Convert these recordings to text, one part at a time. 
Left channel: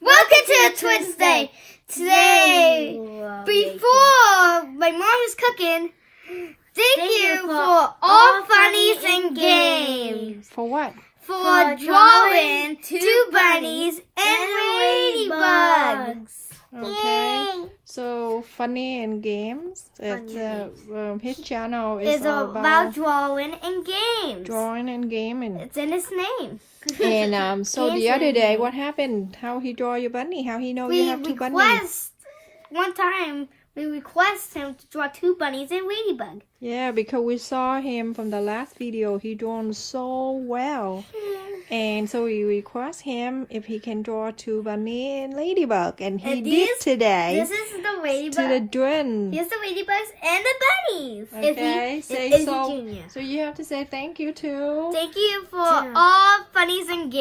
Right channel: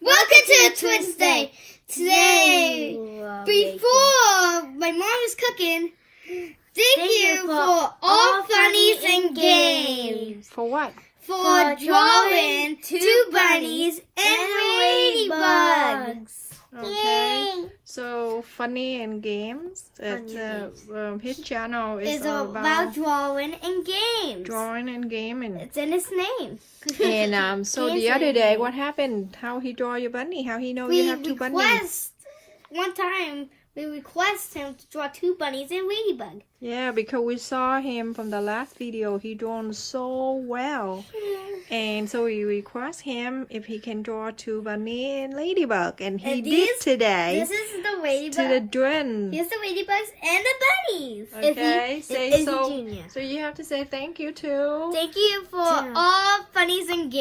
Welcome to Twins Day. Today, before my mom is cooking, thank you for all funnies and games. For what? For drawing two bunnies and ladybugs. Okay. So funny and games. It's his channel is It's all about drawing and games. drawing and gaming. It's in his name. And so the other day, what happened? How he draw your bunny? How he know you have two bunnies? One time we request him to draw two bunnies and ladybug. Yeah, because we saw him from the last video. He drawn so well. And so we request him if he can draw two bunny and ladybug. And he did today. This is the ladybug. To the drin. Here's the ladybugs and the bunnies. Okay, So you have to say thank you too. Thank you for all funnies and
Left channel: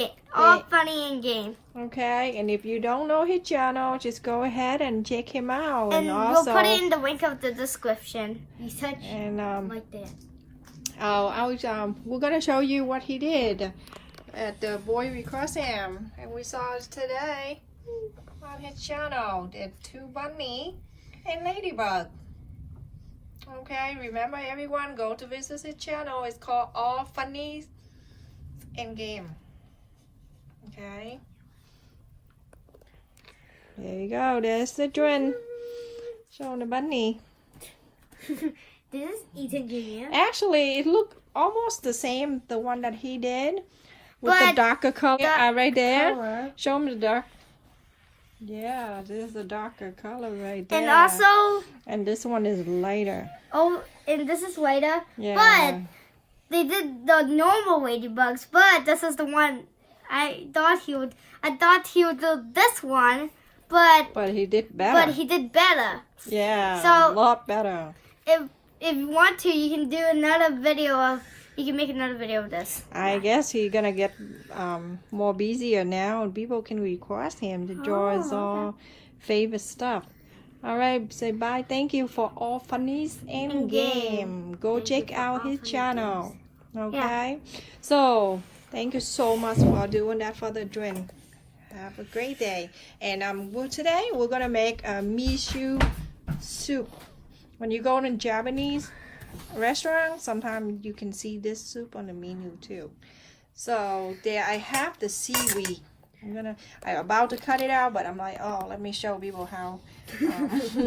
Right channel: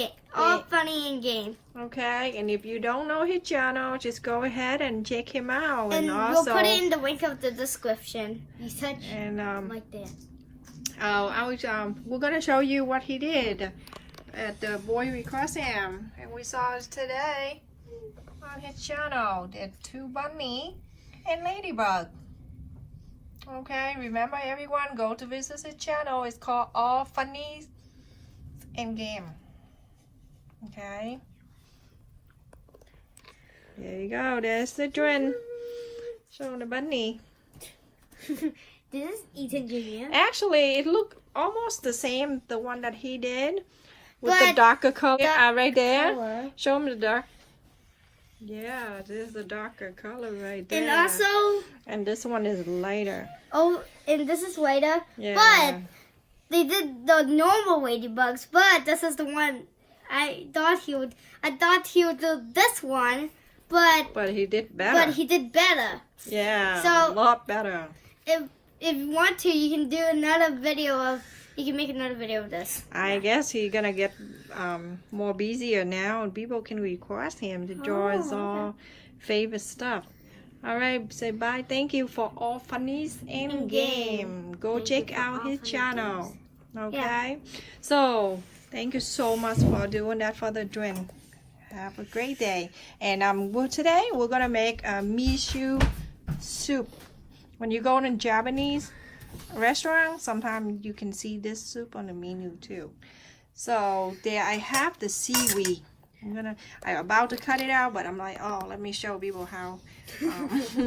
funny and games. Okay, and if you don't know his channel, just go ahead and check him out. And also, we'll put it in the link of the description. You touch like that. We're gonna show you what he did at the boy request him, and we saw it today on his channel. The two bunny and ladybug. Okay, remember everyone, go to visit his channel. It's called All Funnies and Game. Okay. There you go. There's the drin. Showing the bunny. This is Ethan Jr. Actually, it looked almost the same, the one that he did. With the darker color right there. Show him the dark. Yeah, this is the darker color right there. And also... And this one is lighter. Oh, and this is lighter. Yeah. But they did the normal ladybugs, but this is the one I thought he would do this one, but he did better. But he did better. Yeah, so a lot better. If you want to, you can do another video of. You can make another video of this. I guess he's gonna get more busier now, and people can request him to draw his own favorite stuff. All right, say bye. Thank you for all funnies and game. Go check out his channel. Okay. Yeah. So thank you so much for doing that for the drin. Have a great day. And today we're gonna make a miso soup. When you go to Japanese restaurant, sometimes you can see this soup on the menu too. So there I have the seaweed. I'm about to cut it out, but I'm like, oh, let me show people how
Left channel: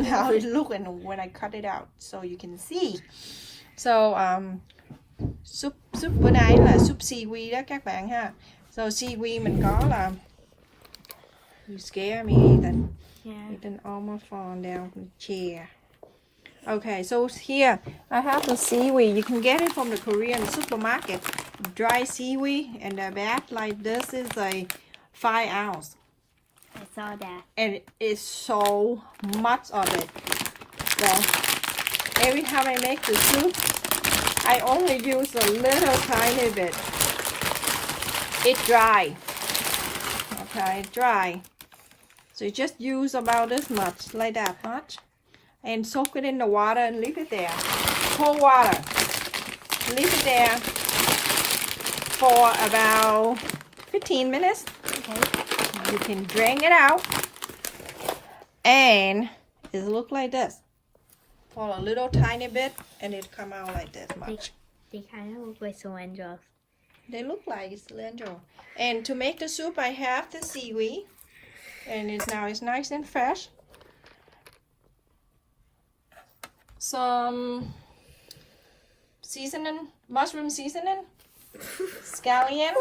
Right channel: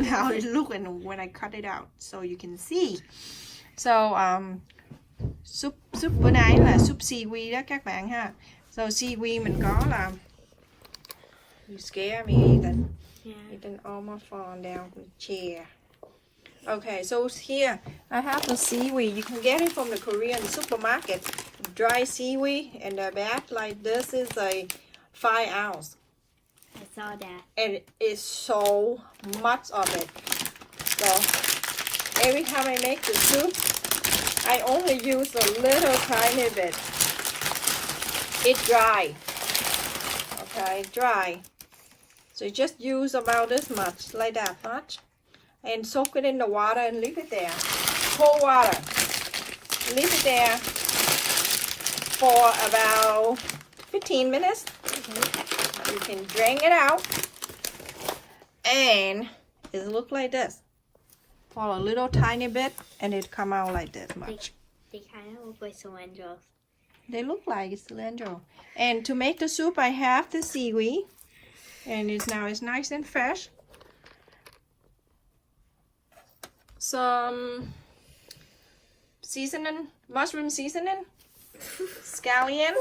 how it looks when I cut it out, so you can see. So soup bữa nay là soup seaweed đó các bạn ha. So seaweed mình có là you scare me, Ethan. Yeah. Ethan almost falling down from the chair. Okay, so here I have the seaweed. You can get it from the Korean supermarket. Dry seaweed, and the bag like this is a 5 ounce. I saw that. And it is so much of it. So every time I make the soup, I only use a little tiny bit. It's dry. Okay, dry. So you just use about this much, like that much. And soak it in the water and leave it there. Cold water. Leave it there for about 15 minutes. Okay. You can drain it out. And it look like this. For a little tiny bit, and it come out like this much. They kind of look like cilantro. They look like cilantro. And to make the soup, I have the seaweed. And it's nice and fresh. Some seasoning, mushroom seasoning, scallion,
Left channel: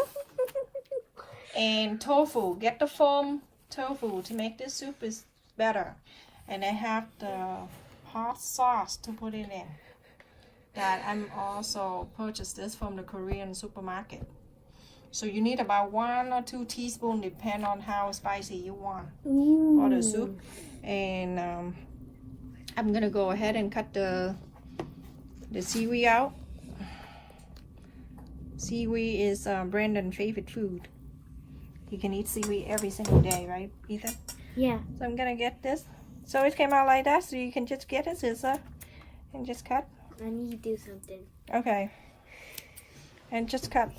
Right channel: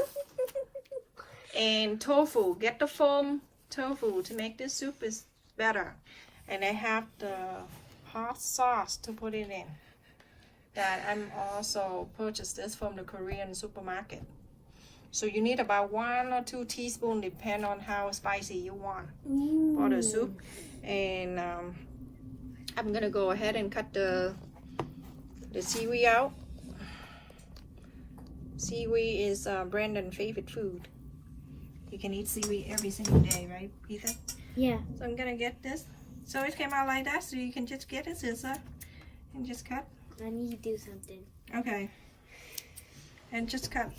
and tofu. Get the foam tofu to make this soup is better. And I have the hot sauce to put it in. That I'm also purchased this from the Korean supermarket. So you need about 1 or 2 teaspoons, depend on how spicy you want for the soup. And I'm gonna go ahead and cut the seaweed out. Seaweed is Brandon's favorite food. You can eat seaweed every single day, right, Ethan? Yeah. So I'm gonna get this. So it came out like that, so you can just get a scissor and just cut. I need to do something. Okay. And just cut.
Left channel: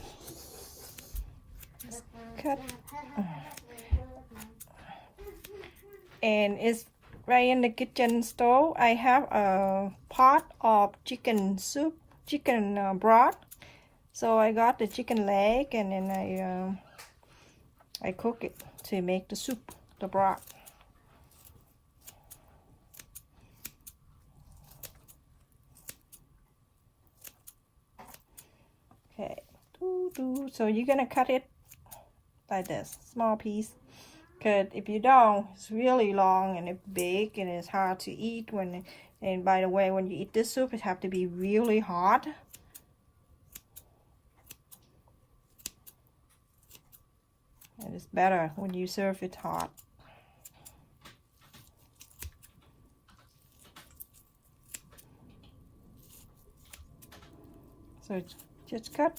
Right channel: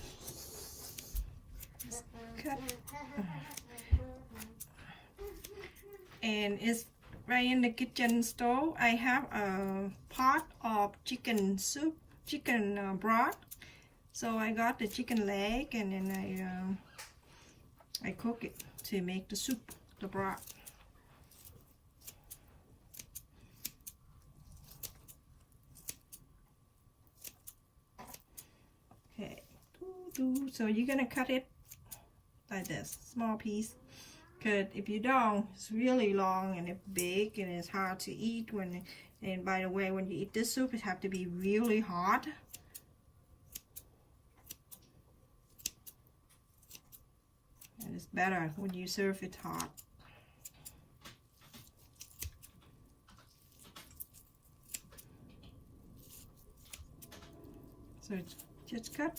Cut. and it's right in the kitchen stove. I have a pot of chicken soup, chicken broth. So I got the chicken leg, and then I cook it to make the soup, the broth. Okay, so you're gonna cut it like this, small piece. Because if you don't, it's really long and it's big and it's hard to eat. And by the way, when you eat this soup, it have to be really hot. And it's better when you serve it hot. So just cut.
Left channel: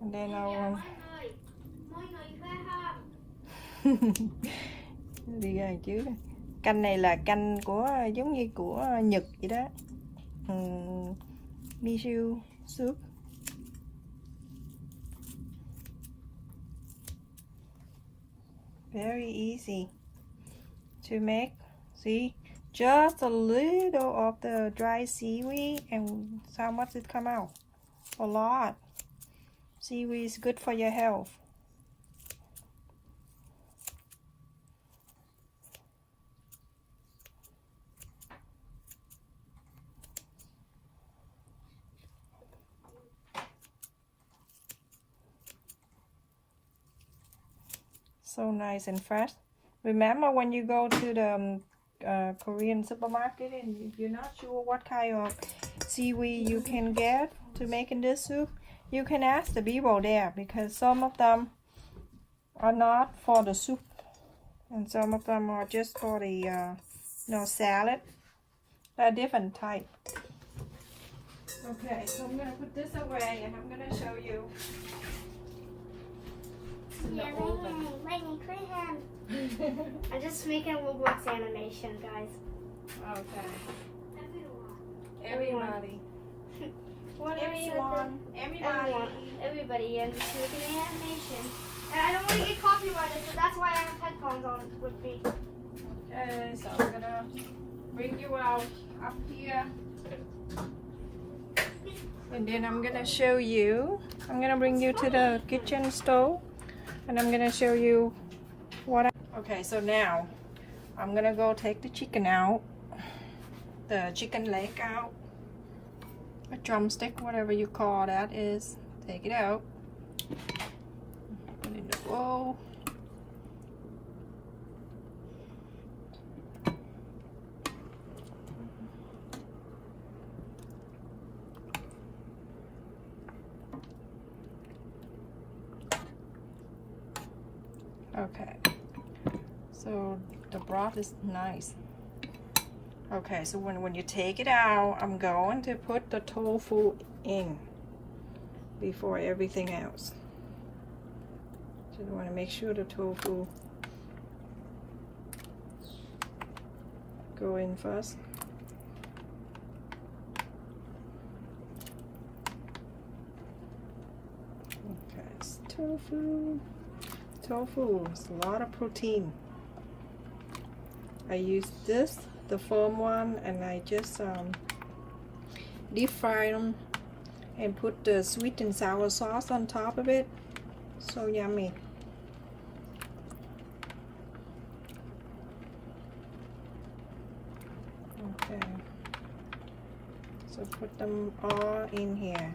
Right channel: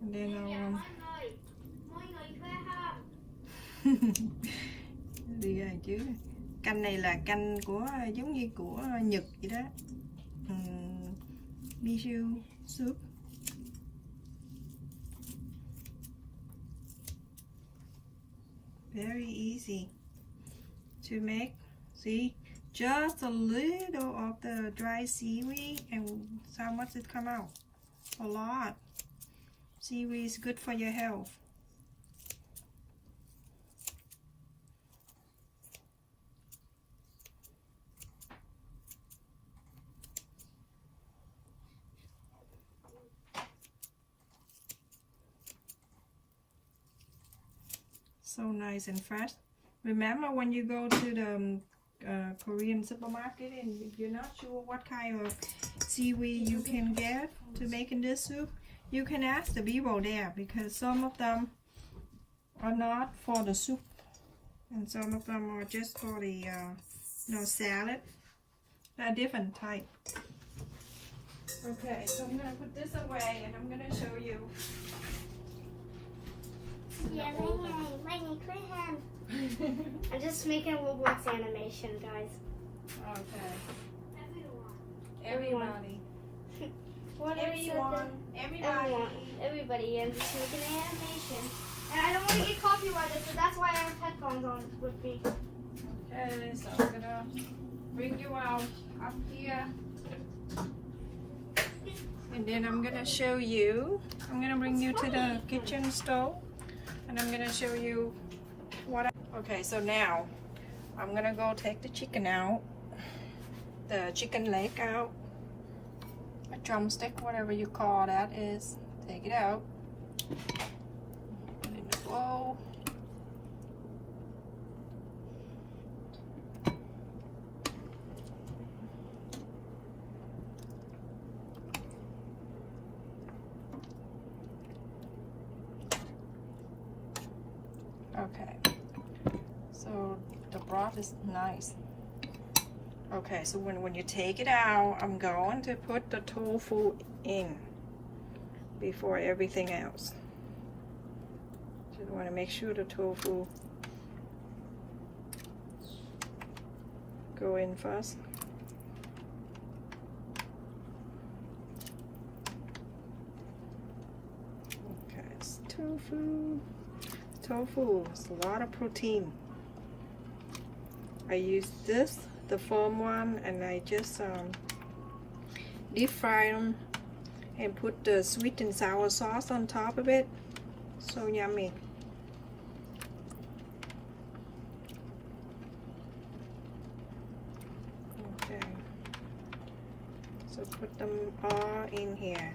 And then I'll đi rồi chứ. Canh này là canh của giống như của Nhật vậy đó. Miso soup. Very easy to make. See, just a little of the dry seaweed, and how much it come out? A lot. Seaweed is good for your health. So nice and fresh. Remember when you go to the Korean supermarket and you're not sure what kind of seaweed you can get to make in this soup, you can ask the people there, because some of them are not for the soup and some of them are just for the salad. They're different type. Okay, so I'm gonna put this away and I'm gonna show you. Yeah, I'm just making a Roblox animation, guys. Okay. Everybody. Whatever you want. Everybody, I'm just making an animation. And I don't want to get copyrighted, so that's why I have headphones on with me. Okay, so I'm gonna bring you out up here. And then I'm gonna show you. I'm gonna bring you to the kitchen stove. And I'm gonna show you what okay, so now I'm gonna go take the chicken out, the chicken leg out, a drumstick, whatever you call that is. Take it out, put it in the bowl. Okay, so the broth is nice. Okay, so when you take it out, I'm going to put the tofu in before everything else. So you want to make sure the tofu go in first. Okay, it's tofu. Tofu is a lot of protein. I use this, the foam one, and I just deep fry them and put the sweet and sour sauce on top of it. So yummy. Okay, so put them all in here.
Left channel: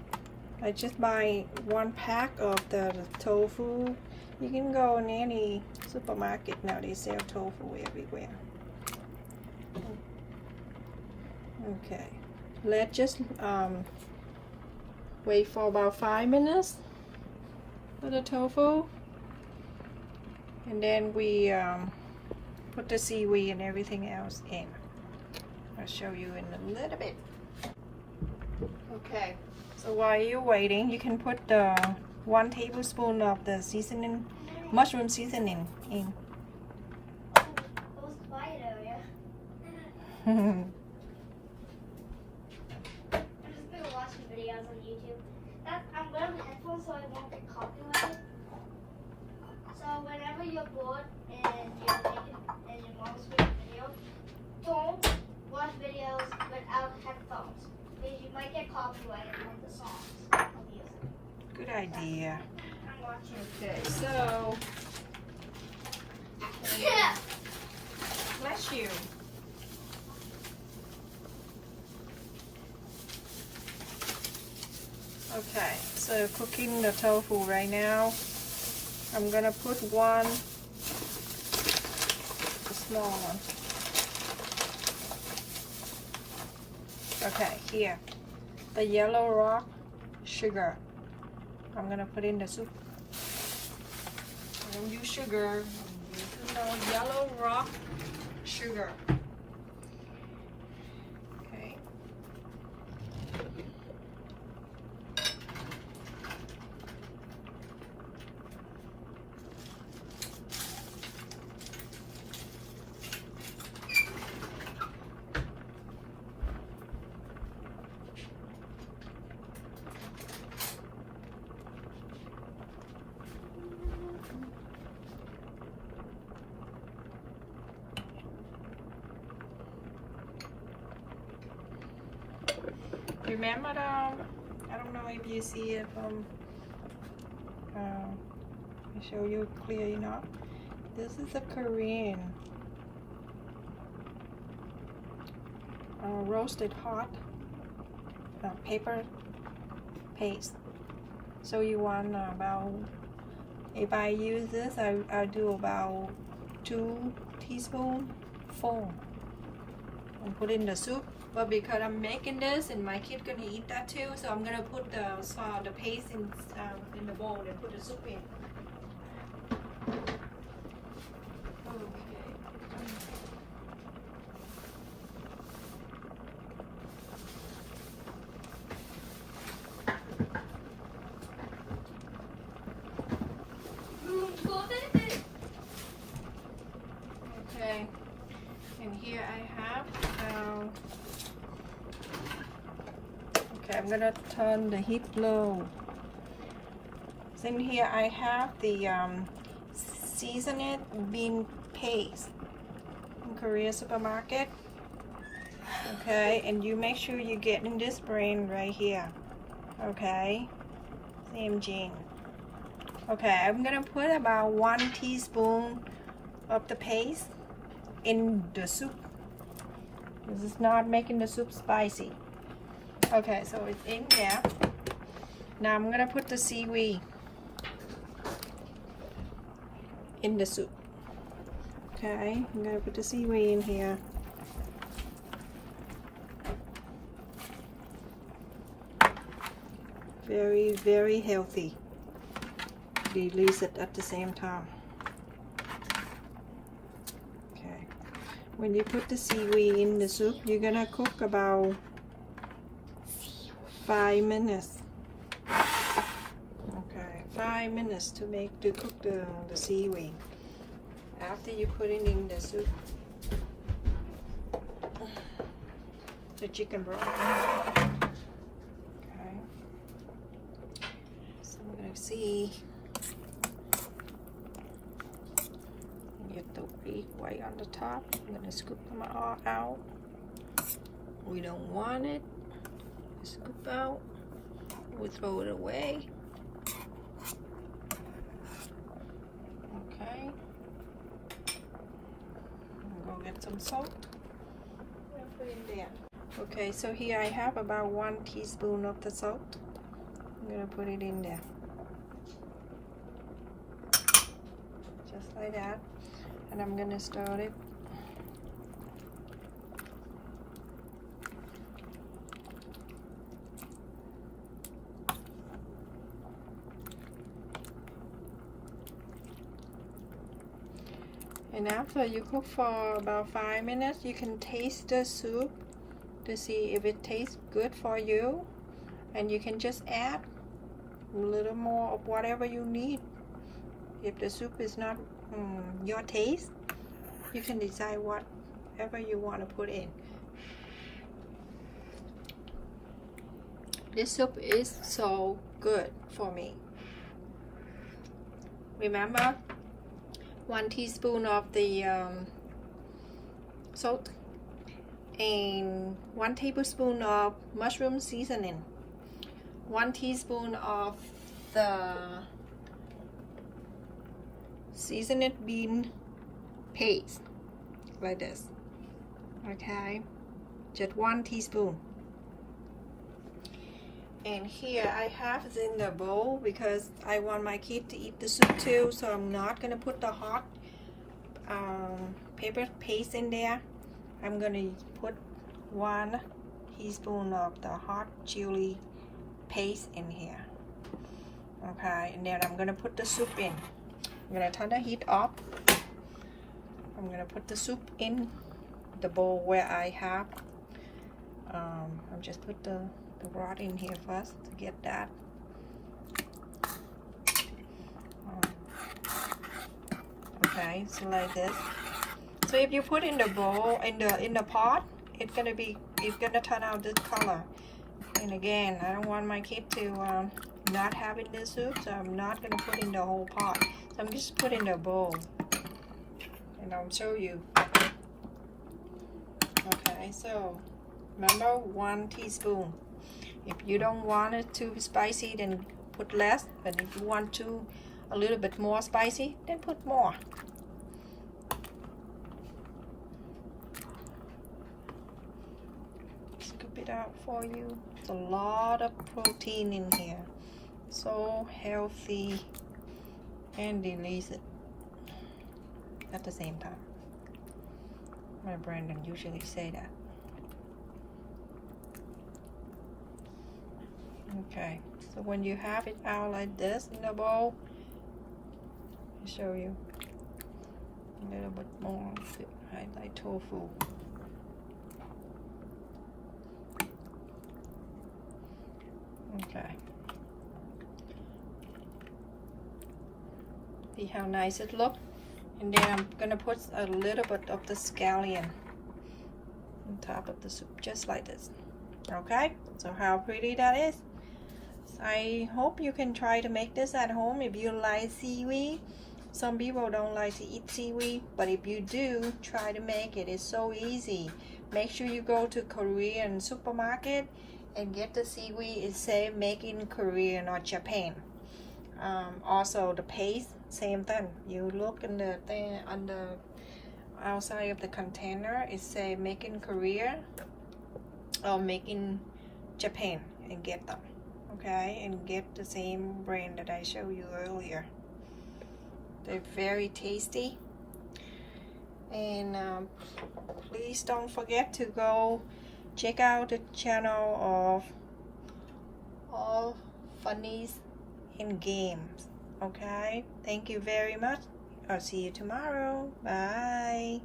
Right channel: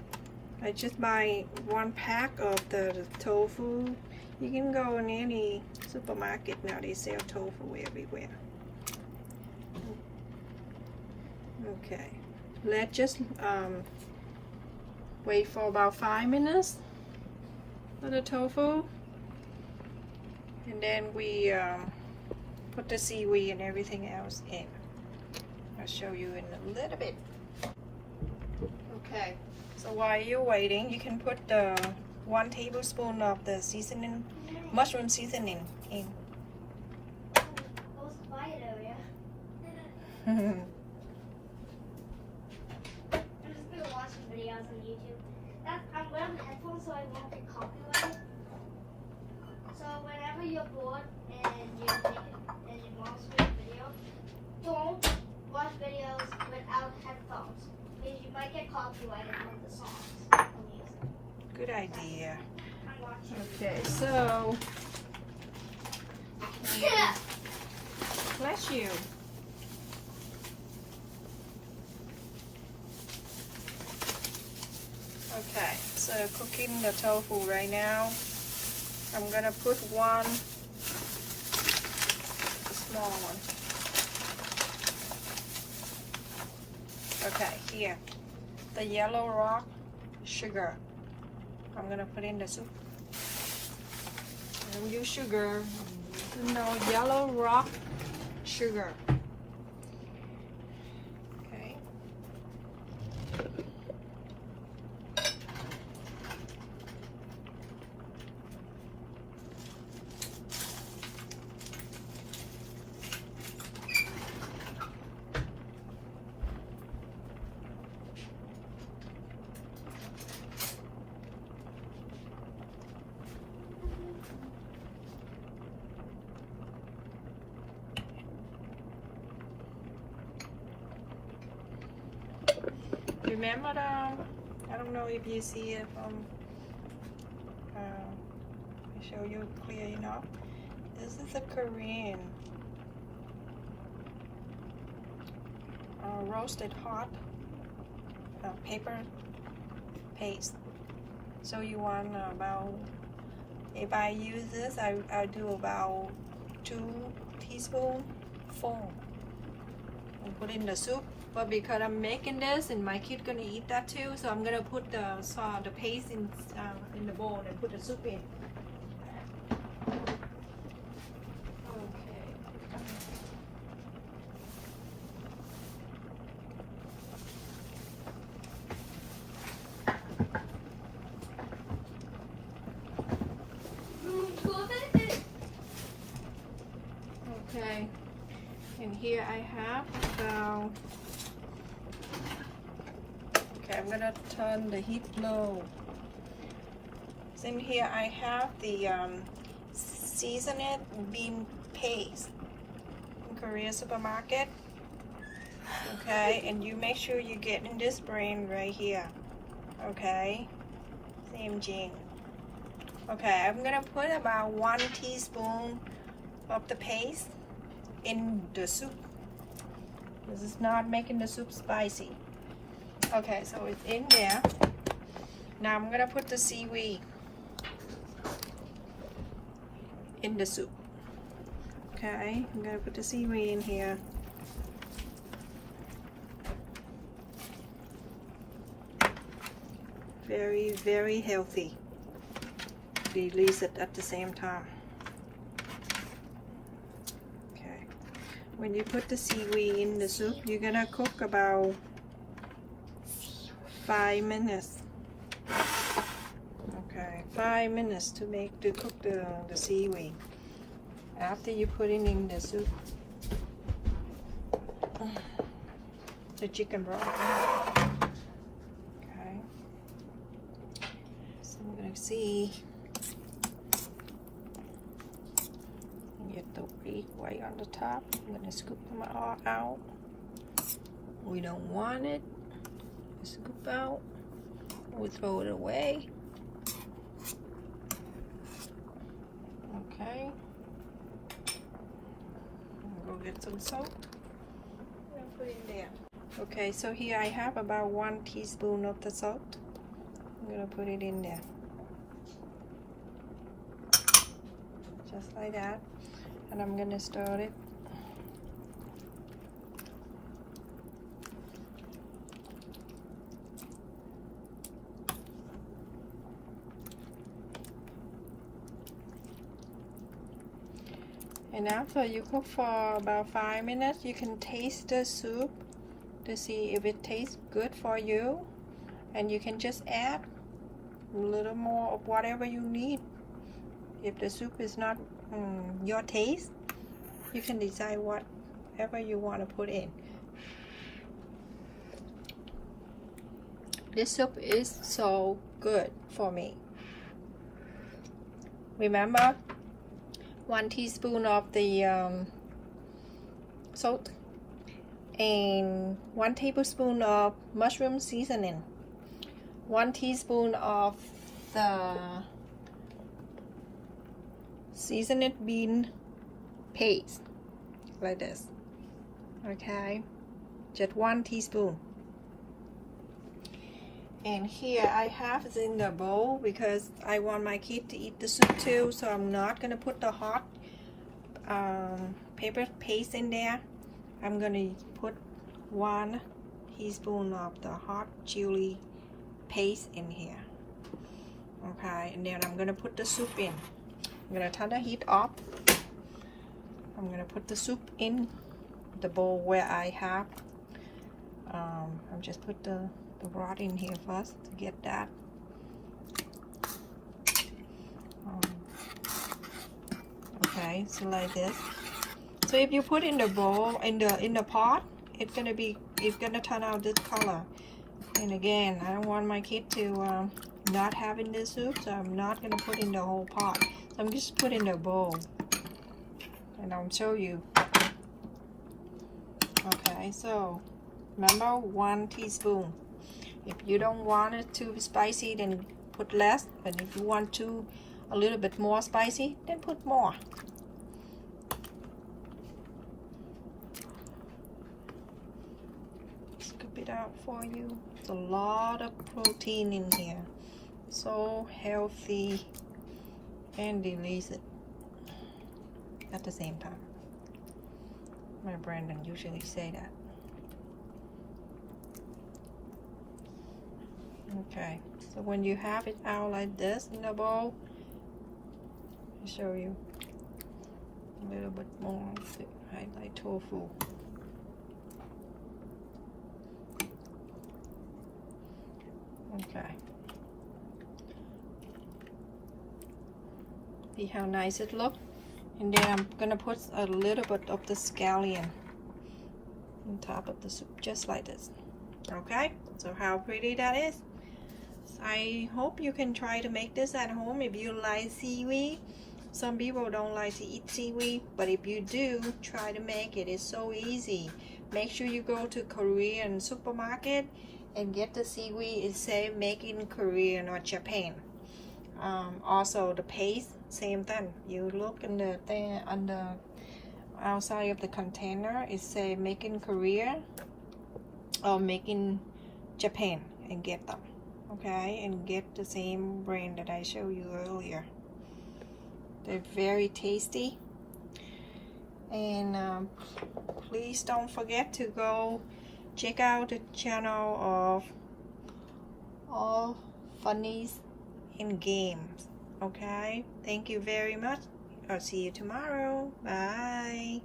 I just buy 1 pack of the tofu. You can go in any supermarket now, they sell tofu everywhere. Okay, let's just wait for about 5 minutes for the tofu, and then we put the seaweed and everything else in. I'll show you in a little bit. Okay, so while you're waiting, you can put the 1 tablespoon of the seasoning, mushroom seasoning in. Quiet area. I've just been watching videos on YouTube. I'm wearing headphones so I won't get copyrighted. So whenever you're bored and you make it don't watch videos without headphones because you might get copyrighted from the songs. Good idea. I'm watching. Okay, so Yeah. bless you. Okay, so cooking the tofu right now. I'm gonna put one, a small one. Okay, here, the yellow rock sugar. I'm gonna put in the soup. I don't use sugar. No, yellow rock sugar. Okay. Remember I don't know if you see it I'll show you clear enough. This is a Korean roasted hot paper paste. So you want about, if I use this, I'll do about 2 teaspoons full and put in the soup. But because I'm making this and my kid gonna eat that too, so I'm gonna put the paste in the bowl and put the soup in. Okay, and here I have the. Okay, I'm gonna turn the heat low. So in here I have the seasoned bean paste in Korea supermarket. Okay, and you make sure you get in this brand right here. Okay, same gene. Okay, I'm gonna put about 1 teaspoon of the paste in the soup. This is not making the soup spicy. Okay, so it's in there. Now I'm gonna put the seaweed in the soup. Okay, I'm gonna put the seaweed in here. Very, very healthy. Release it at the same time. Okay, when you put the seaweed in the soup, you're gonna cook about 5 minutes. Okay, 5 minutes to cook the seaweed. After you put it in the soup, the chicken broth. Okay, so we're gonna see. Get the beak right on the top. I'm gonna scoop them all out. We don't want it. Scoop out. We throw it away. Okay. Go get some salt. And put in there. Okay, so here I have about 1 teaspoon of the salt. I'm gonna put it in there. Just like that. And I'm gonna stir it. And after you cook for about 5 minutes, you can taste the soup to see if it tastes good for you. And you can just add a little more of whatever you need. If the soup is not your taste, you can decide whatever you want to put in. This soup is so good for me. Remember, 1 teaspoon of the salt and 1 tablespoon of mushroom seasoning, 1 teaspoon of the seasoned bean paste, like this. Okay, just 1 teaspoon. And here I have it in the bowl because I want my kid to eat the soup too, so I'm not gonna put the hot pepper paste in there. I'm gonna put 1 teaspoon of the hot chili paste in here. Okay, and then I'm gonna put the soup in. I'm gonna turn the heat off. I'm gonna put the soup in the bowl where I have. I'm just put the broth in here first to get that. Okay, so like this. So if you put in the bowl, in the pot, it's gonna turn out this color. And again, I don't want my kid to not having this soup, so I'm not gonna put in the whole pot. So I'm just put in the bowl, and I'll show you. Okay, so remember 1 teaspoon. If you don't want it to be spicy, then put less. But if you want to a little bit more spicy, then put more. Scoop it out for you. There's a lot of protein in here. So healthy and delicious at the same time. My Brandon usually say that. Okay, so when you have it out like this in the bowl, I'll show you a little bit more like tofu. Okay. See how nice it looks? And then I'm gonna put a little bit of the scallion on top of the soup, just like this. Okay, so how pretty that is. I hope you can try to make this at home if you like seaweed. Some people don't like to eat seaweed, but if you do, try to make it. It's so easy. Make sure you go to Korean supermarket and get the seaweed. It says made in Korea or Japan. Also the paste, same thing. You look in the thing on the outside of the container, it says made in Korea or made in Japan, and get them. Okay, and get the same brand that I showed you earlier. They're very tasty. And please don't forget to go check out the channel of All Funnies and Games. Okay, thank you very much. I'll see you tomorrow. Bye.